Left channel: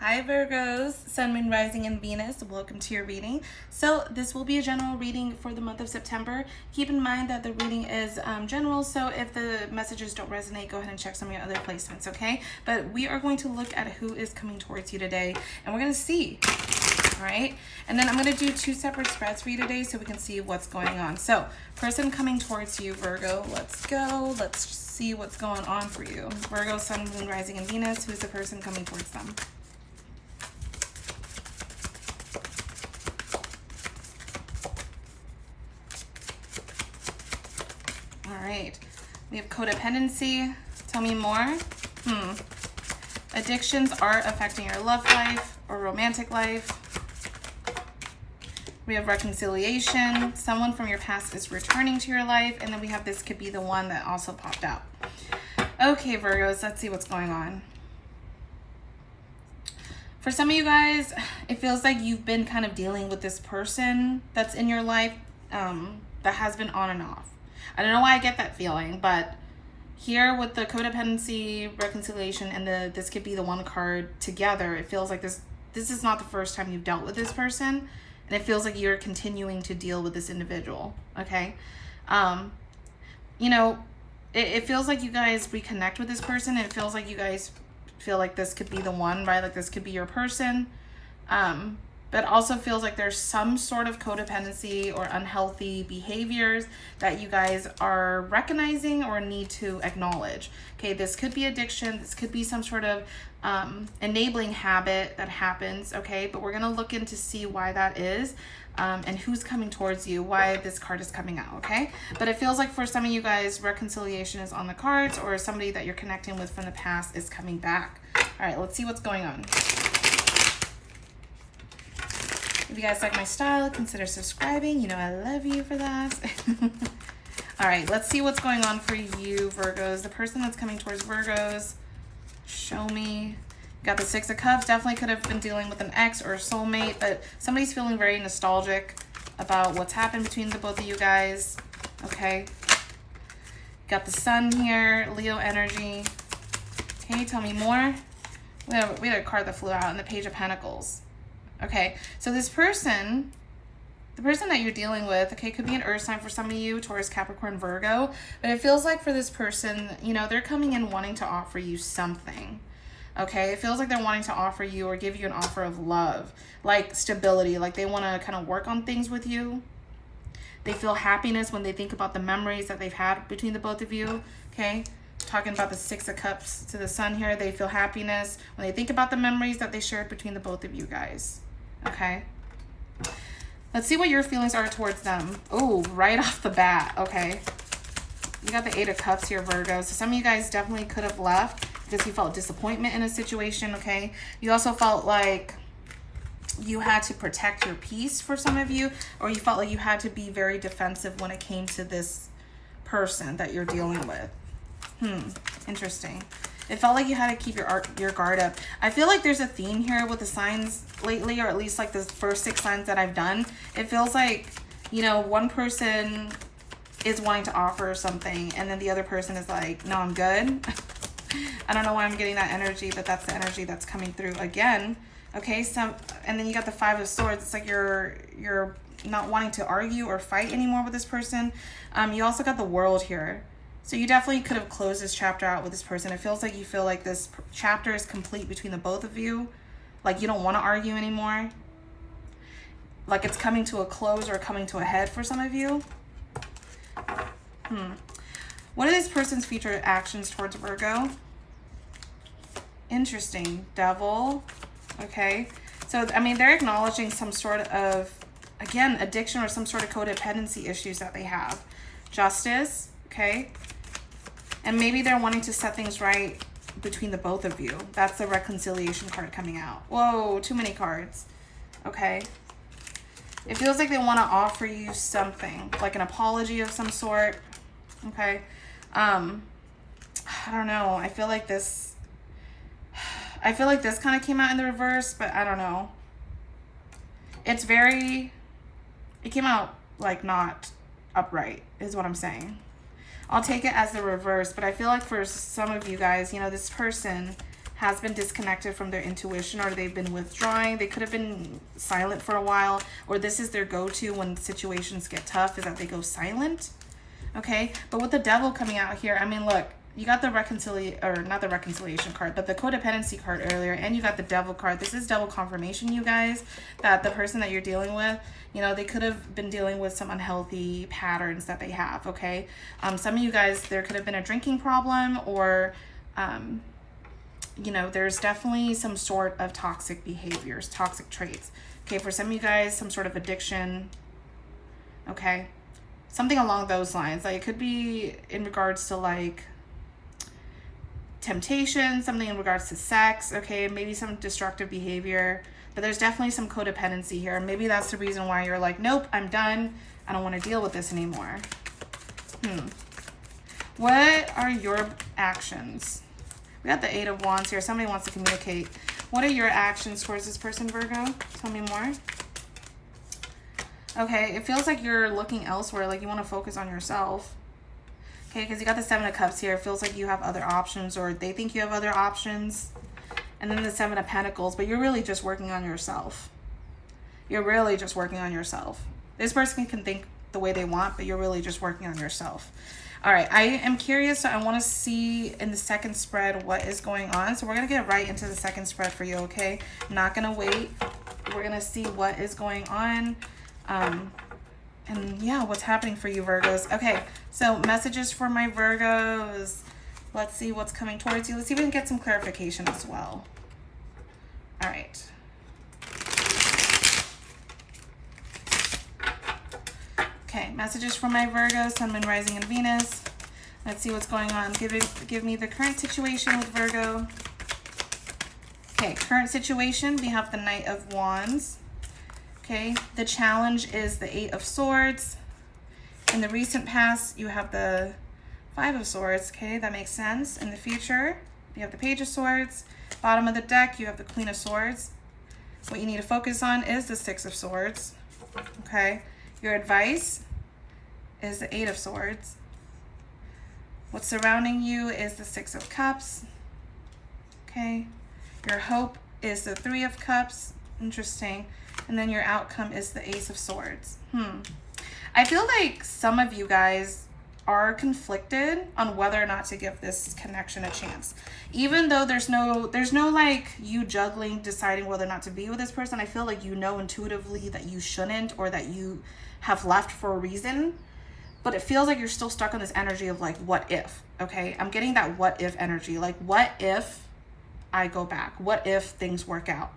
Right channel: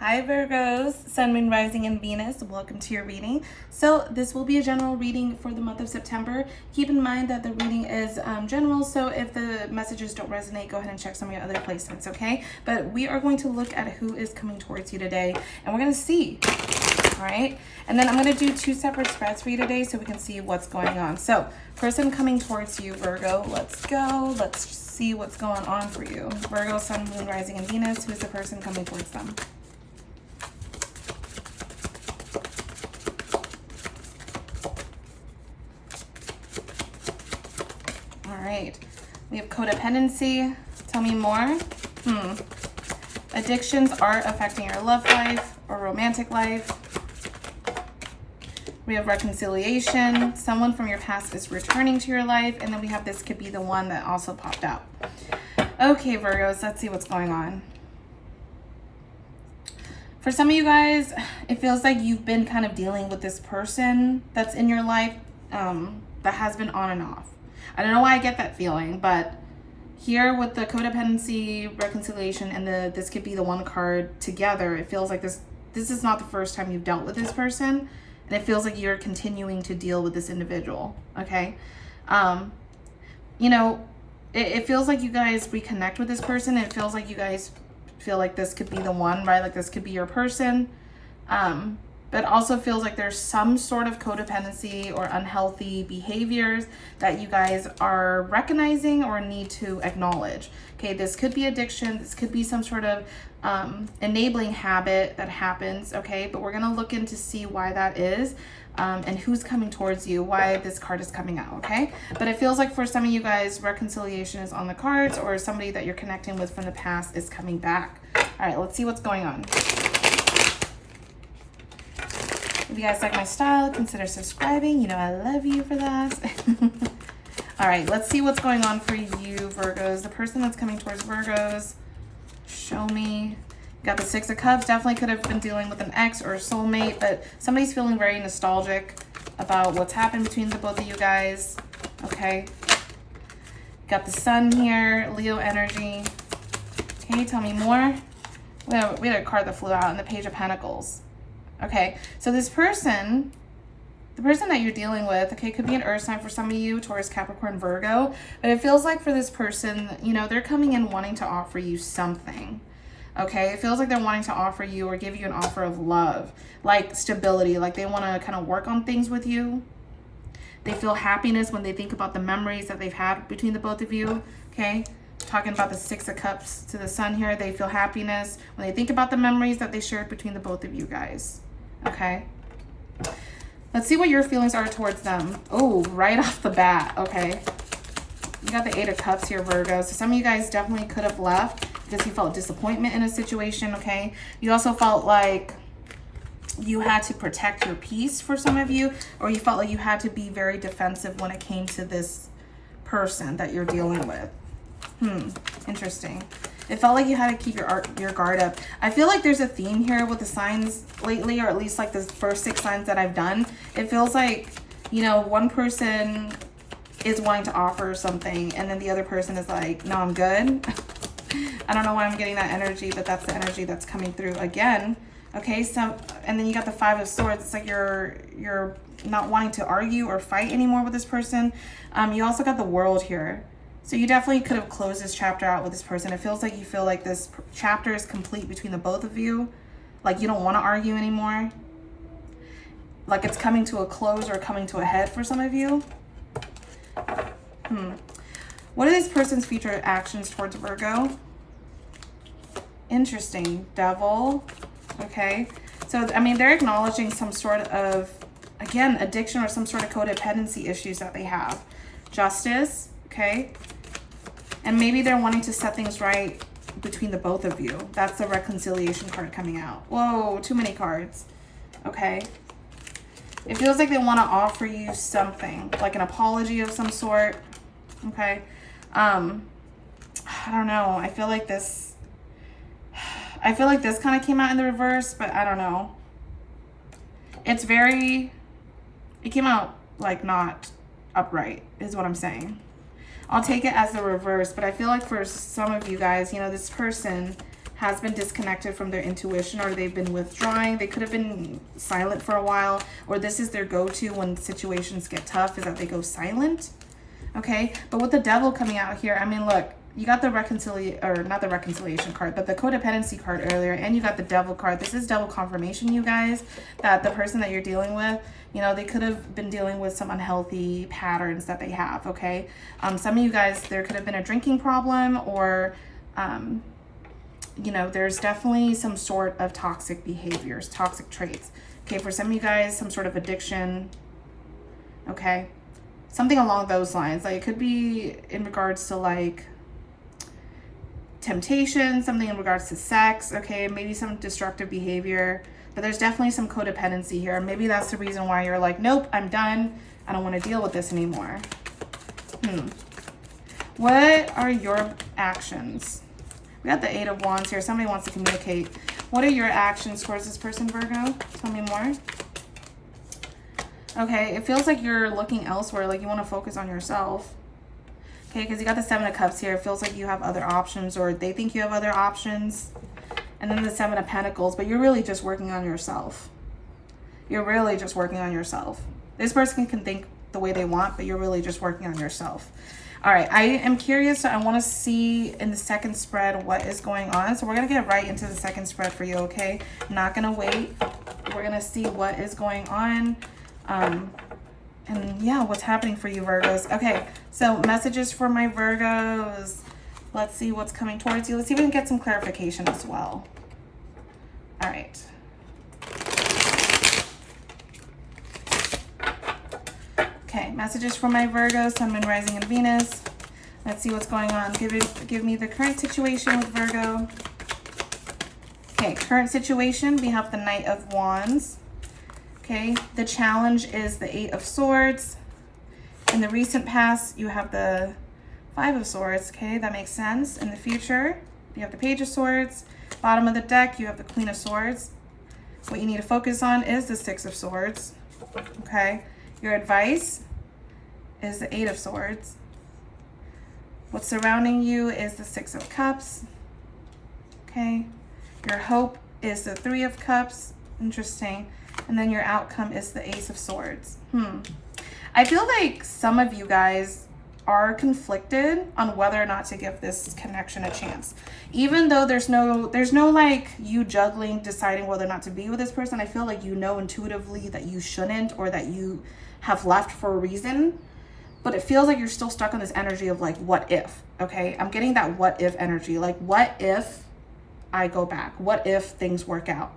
Hi Virgos, Sun, Moon, Rising, and Venus. Welcome to your reading. So this will be a general reading for the month of September. Keep in mind that the reading is general, so if the messages don't resonate, go ahead and check some of your other placements, okay? But we are going to look at who is coming towards you today, and we're going to see, all right? And then I'm going to do two separate spreads for you today so we can see what's going on. So person coming towards you, Virgo, let's go. Let's see what's going on for you. Virgo, Sun, Moon, Rising, and Venus. Who's the person coming towards them? We have codependency. Tell me more. Addictions are affecting your love life or romantic life. We have reconciliation. Someone from your past is returning to your life. And then we have this could be the one that also popped out. Okay, Virgos, let's see what's going on. For some of you guys, it feels like you've been kind of dealing with this person that's in your life that has been on and off. I don't know why I get that feeling, but here with the codependency, reconciliation, and the this could be the one card together, it feels like this is not the first time you've dealt with this person, and it feels like you're continuing to deal with this individual, okay? You know, it feels like you guys reconnect with this person, and it feels like you guys feel like this could be the one, right? Like this could be your person. But also feels like there's some sort of codependency or unhealthy behaviors that you guys are recognizing or need to acknowledge. Okay, this could be addiction. This could be some sort of enabling habit that happens, okay? But we're going to look into see why that is and who's coming towards you, why this card is coming out, okay? But it feels like for some of you guys, reconciliation is on the cards, or somebody that you're connecting with from the past is coming back. All right, let's see what's going on. If you guys like my style, consider subscribing. You know I love you for that. All right, let's see what's going on for you, Virgos. The person that's coming towards Virgos, show me. Got the Six of Cups. Definitely could have been dealing with an ex or a soulmate, but somebody's feeling very nostalgic about what's happened between the both of you guys. Okay. Got the Sun here, Leo energy. Can you tell me more? We had a card that flew out in the Page of Pentacles. Okay, so this person, the person that you're dealing with, okay, could be an earth sign for some of you, Taurus, Capricorn, Virgo, but it feels like for this person, you know, they're coming in wanting to offer you something, okay? It feels like they're wanting to offer you or give you an offer of love, like stability, like they want to kind of work on things with you. They feel happiness when they think about the memories that they've had between the both of you, okay? Talking about the Six of Cups to the Sun here, they feel happiness when they think about the memories that they shared between the both of you guys. Okay, let's see what your feelings are towards them. Oh, right off the bat. Okay, you got the Eight of Cups here, Virgo. So some of you guys definitely could have left because you felt disappointment in a situation. Okay, you also felt like you had to protect your peace for some of you, or you felt like you had to be very defensive when it came to this person that you're dealing with. Interesting. It felt like you had to keep your guard up. I feel like there's a theme here with the signs lately, or at least like the first 6 signs that I've done. It feels like, you know, one person is wanting to offer something and then the other person is like, no, I'm good. I don't know why I'm getting that energy, but that's the energy that's coming through again. Okay, so, and then you got the Five of Swords. It's like you're not wanting to argue or fight anymore with this person. You also got the World here. So you definitely could have closed this chapter out with this person. It feels like you feel like this chapter is complete between the both of you. Like you don't want to argue anymore. Like it's coming to a close or coming to a head for some of you. What are this person's future actions towards Virgo? Interesting. Devil. Okay. So, I mean, they're acknowledging some sort of, again, addiction or some sort of codependency issues that they have. Justice. Okay. And maybe they're wanting to set things right between the both of you. That's the reconciliation card coming out. Whoa, too many cards. Okay. It feels like they want to offer you something, like an apology of some sort. Okay. I don't know. I feel like this kind of came out in the reverse, but I don't know. It came out like not upright is what I'm saying. I'll take it as the reverse, but I feel like for some of you guys, you know, this person has been disconnected from their intuition, or they've been withdrawing. They could have been silent for a while, or this is their go-to when situations get tough, is that they go silent. Okay, but with the Devil coming out here, I mean, look, you got the reconciliation, or not the reconciliation card, but the codependency card earlier, and you got the Devil card. This is double confirmation, you guys, that the person that you're dealing with, you know, they could have been dealing with some unhealthy patterns that they have, okay? Some of you guys, there could have been a drinking problem, or, you know, there's definitely some sort of toxic behaviors, toxic traits. Okay, for some of you guys, some sort of addiction, okay? Something along those lines. Like, it could be in regards to, like, temptation, something in regards to sex, okay? Maybe some destructive behavior. But there's definitely some codependency here. Maybe that's the reason why you're like, nope, I'm done. I don't want to deal with this anymore. What are your actions? We got the 8 of Wands here. Somebody wants to communicate. What are your actions towards this person, Virgo? Tell me more. Okay, it feels like you're looking elsewhere, like you want to focus on yourself. Okay, because you got the 7 of Cups here. It feels like you have other options, or they think you have other options. And then the 7 of Pentacles, but you're really just working on yourself. You're really just working on yourself. This person can think the way they want, but you're really just working on yourself. All right, I am curious, so I want to see in the second spread what is going on. So we're going to get right into the second spread for you, okay? Not going to wait. We're going to see what is going on. And yeah, what's happening for you, Virgos. Okay, so messages for my Virgos. Let's see what's coming towards you. Let's see if we can get some clarification as well. All right. Okay, messages for my Virgos, Sun, Moon, Rising, and Venus. Let's see what's going on. Give me the current situation with Virgo. Okay, current situation, we have the Knight of Wands. Okay, the challenge is the 8 of Swords. In the recent past, you have the 5 of Swords. Okay, that makes sense. In the future, you have the Page of Swords. Bottom of the deck, you have the Queen of Swords. What you need to focus on is the 6 of Swords. Okay, your advice is the 8 of Swords. What's surrounding you is the 6 of Cups. Okay, your hope is the 3 of Cups. Interesting. And then your outcome is the Ace of Swords. I feel like some of you guys are conflicted on whether or not to give this connection a chance. Even though there's no like you juggling, deciding whether or not to be with this person. I feel like you know intuitively that you shouldn't, or that you have left for a reason. But it feels like you're still stuck on this energy of like, what if? Okay, I'm getting that what if energy. Like, what if I go back? What if things work out?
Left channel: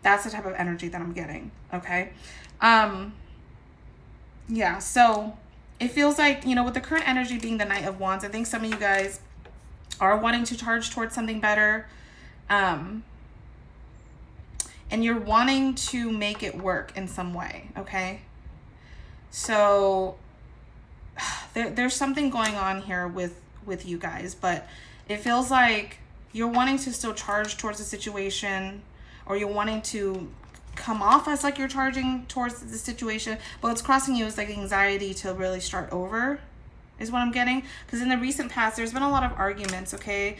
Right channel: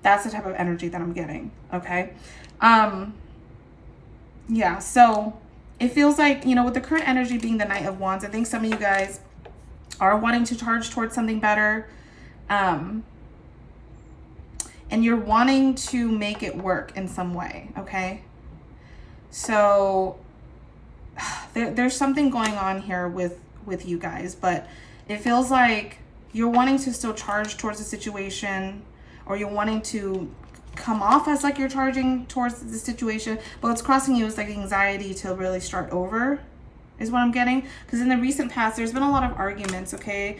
That's the type of energy that I'm getting, okay? Yeah, so it feels like, you know, with the current energy being the Knight of Wands, I think some of you guys are wanting to charge towards something better. And you're wanting to make it work in some way, okay? So there's something going on here with you guys, but it feels like you're wanting to still charge towards the situation, or you're wanting to come off as like you're charging towards the situation, but what's crossing you is like anxiety to really start over, is what I'm getting. Because in the recent past, there's been a lot of arguments, okay?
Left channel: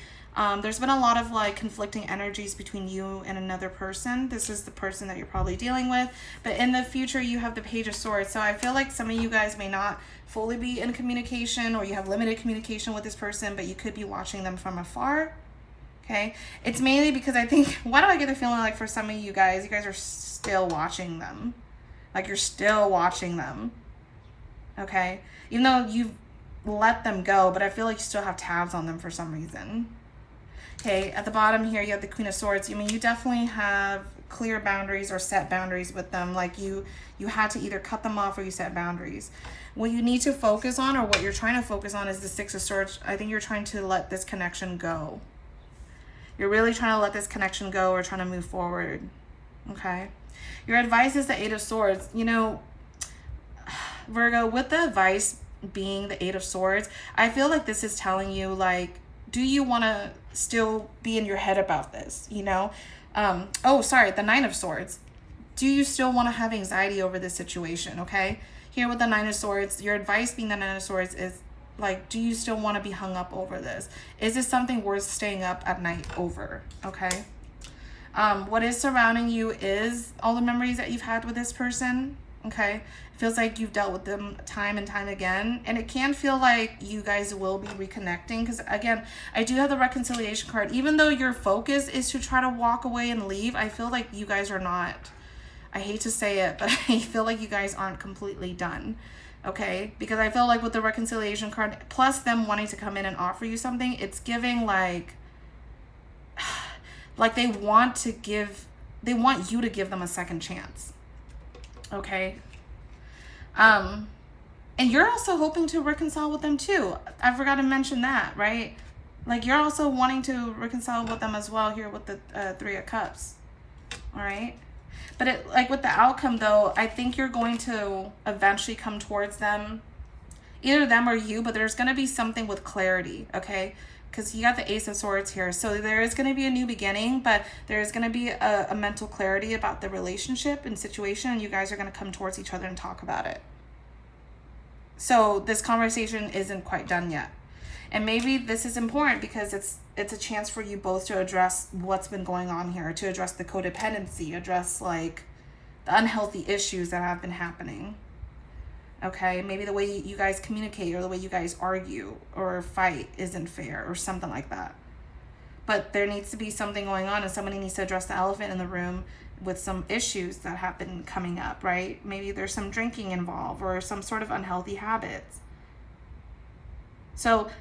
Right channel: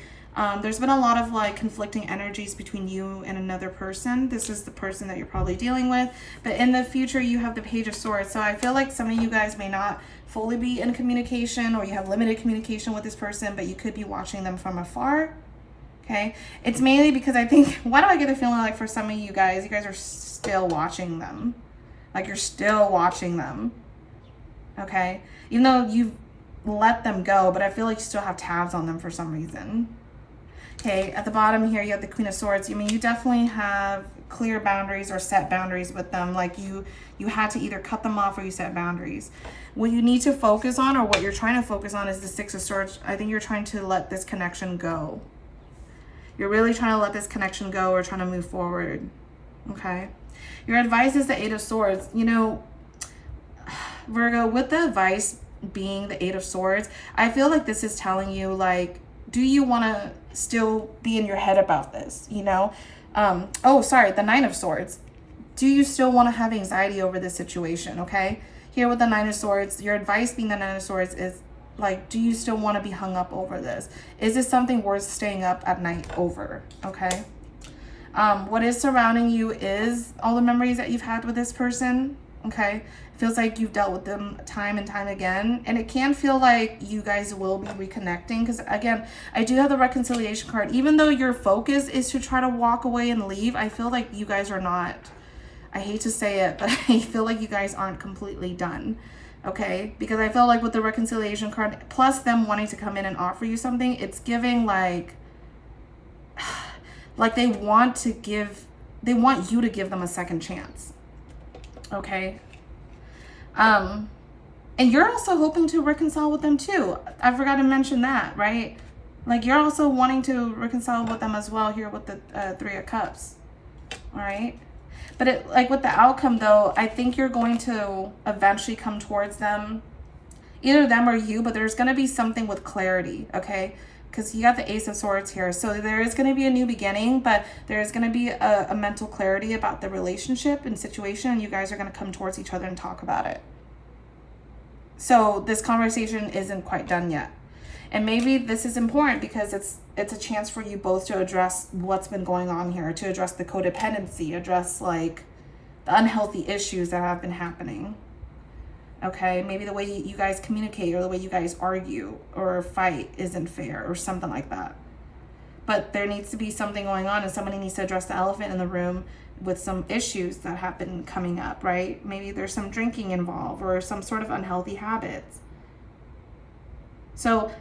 There's been a lot of like conflicting energies between you and another person. This is the person that you're probably dealing with. But in the future, you have the Page of Swords. So I feel like some of you guys may not fully be in communication, or you have limited communication with this person, but you could be watching them from afar. Okay, it's mainly because I think, why do I get the feeling like for some of you guys are still watching them? Like you're still watching them, okay? Even though you've let them go, but I feel like you still have tabs on them for some reason. Okay, at the bottom here, you have the Queen of Swords. I mean, you definitely have clear boundaries or set boundaries with them. Like you had to either cut them off or you set boundaries. What you need to focus on, or what you're trying to focus on, is the 6 of Swords. I think you're trying to let this connection go. You're really trying to let this connection go, or trying to move forward, okay? Your advice is the 8 of Swords. You know, Virgo, with the advice being the 8 of Swords, I feel like this is telling you, like, do you want to still be in your head about this, you know? Oh, sorry, the 9 of Swords. Do you still want to have anxiety over this situation, okay? Here with the 9 of Swords, your advice being the 9 of Swords is Like, do you still want to be hung up over this? Is this something worth staying up at night over? Okay. What is surrounding you is all the memories that you've had with this person. Okay. It feels like you've dealt with them time and time again. And it can feel like you guys will be reconnecting. Because again, I do have the reconciliation card. Even though your focus is to try to walk away and leave, I feel like you guys are not. I hate to say it, but I feel like you guys aren't completely done. Okay, because I feel like with the reconciliation card, plus them wanting to come in and offer you something, it's giving like they want you to give them a second chance. Okay. And you're also hoping to reconcile with them too. I forgot to mention that, right? Like you're also wanting to reconcile with them as well here with the 3 of Cups. All right. But like with the outcome though, I think you're going to eventually come towards them, either them or you, but there's going to be something with clarity, okay? Because you got the Ace of Swords here. So there is going to be a new beginning, but there is going to be a mental clarity about the relationship and situation, and you guys are going to come towards each other and talk about it. So this conversation isn't quite done yet. And maybe this is important because it's a chance for you both to address what's been going on here, to address the codependency, address like the unhealthy issues that have been happening. Okay, maybe the way you guys communicate or the way you guys argue or fight isn't fair or something like that. But there needs to be something going on, and somebody needs to address the elephant in the room with some issues that have been coming up, right? Maybe there's some drinking involved or some sort of unhealthy habits. So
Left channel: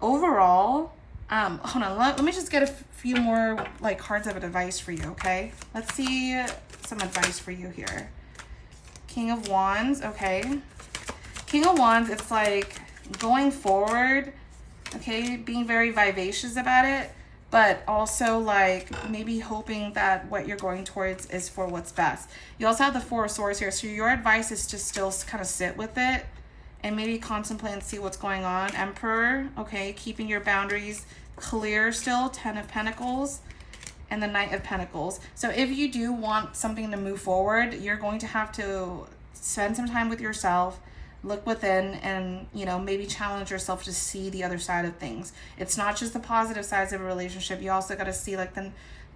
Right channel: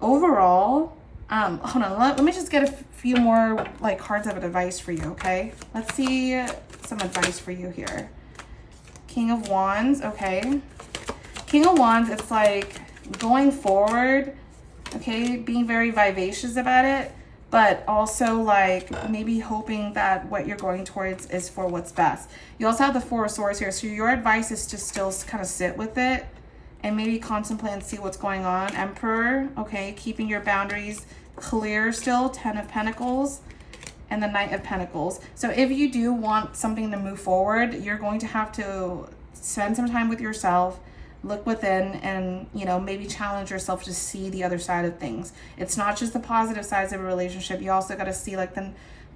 overall, hold on, let me just get a few more like cards of advice for you, okay? Let's see some advice for you here. King of Wands, okay. King of Wands, it's like going forward, okay, being very vivacious about it, but also like maybe hoping that what you're going towards is for what's best. You also have the 4 of Swords here, so your advice is to still kind of sit with it and maybe contemplate and see what's going on. Emperor, okay, keeping your boundaries clear still. 10 of Pentacles and the Knight of Pentacles. So if you do want something to move forward, you're going to have to spend some time with yourself, look within, and maybe challenge yourself to see the other side of things. It's not just the positive sides of a relationship. You also got to see like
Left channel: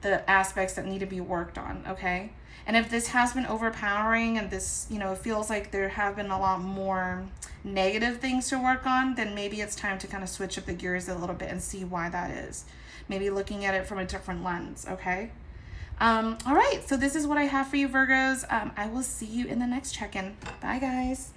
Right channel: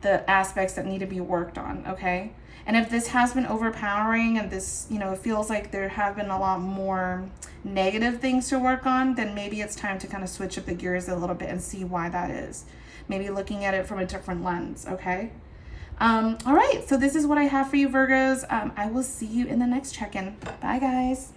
the aspects that need to be worked on, okay? And if this has been overpowering and this, it feels like there have been a lot more negative things to work on, then maybe it's time to kind of switch up the gears a little bit and see why that is. Maybe looking at it from a different lens, okay? All right, so this is what I have for you, Virgos. I will see you in the next check-in. Bye, guys.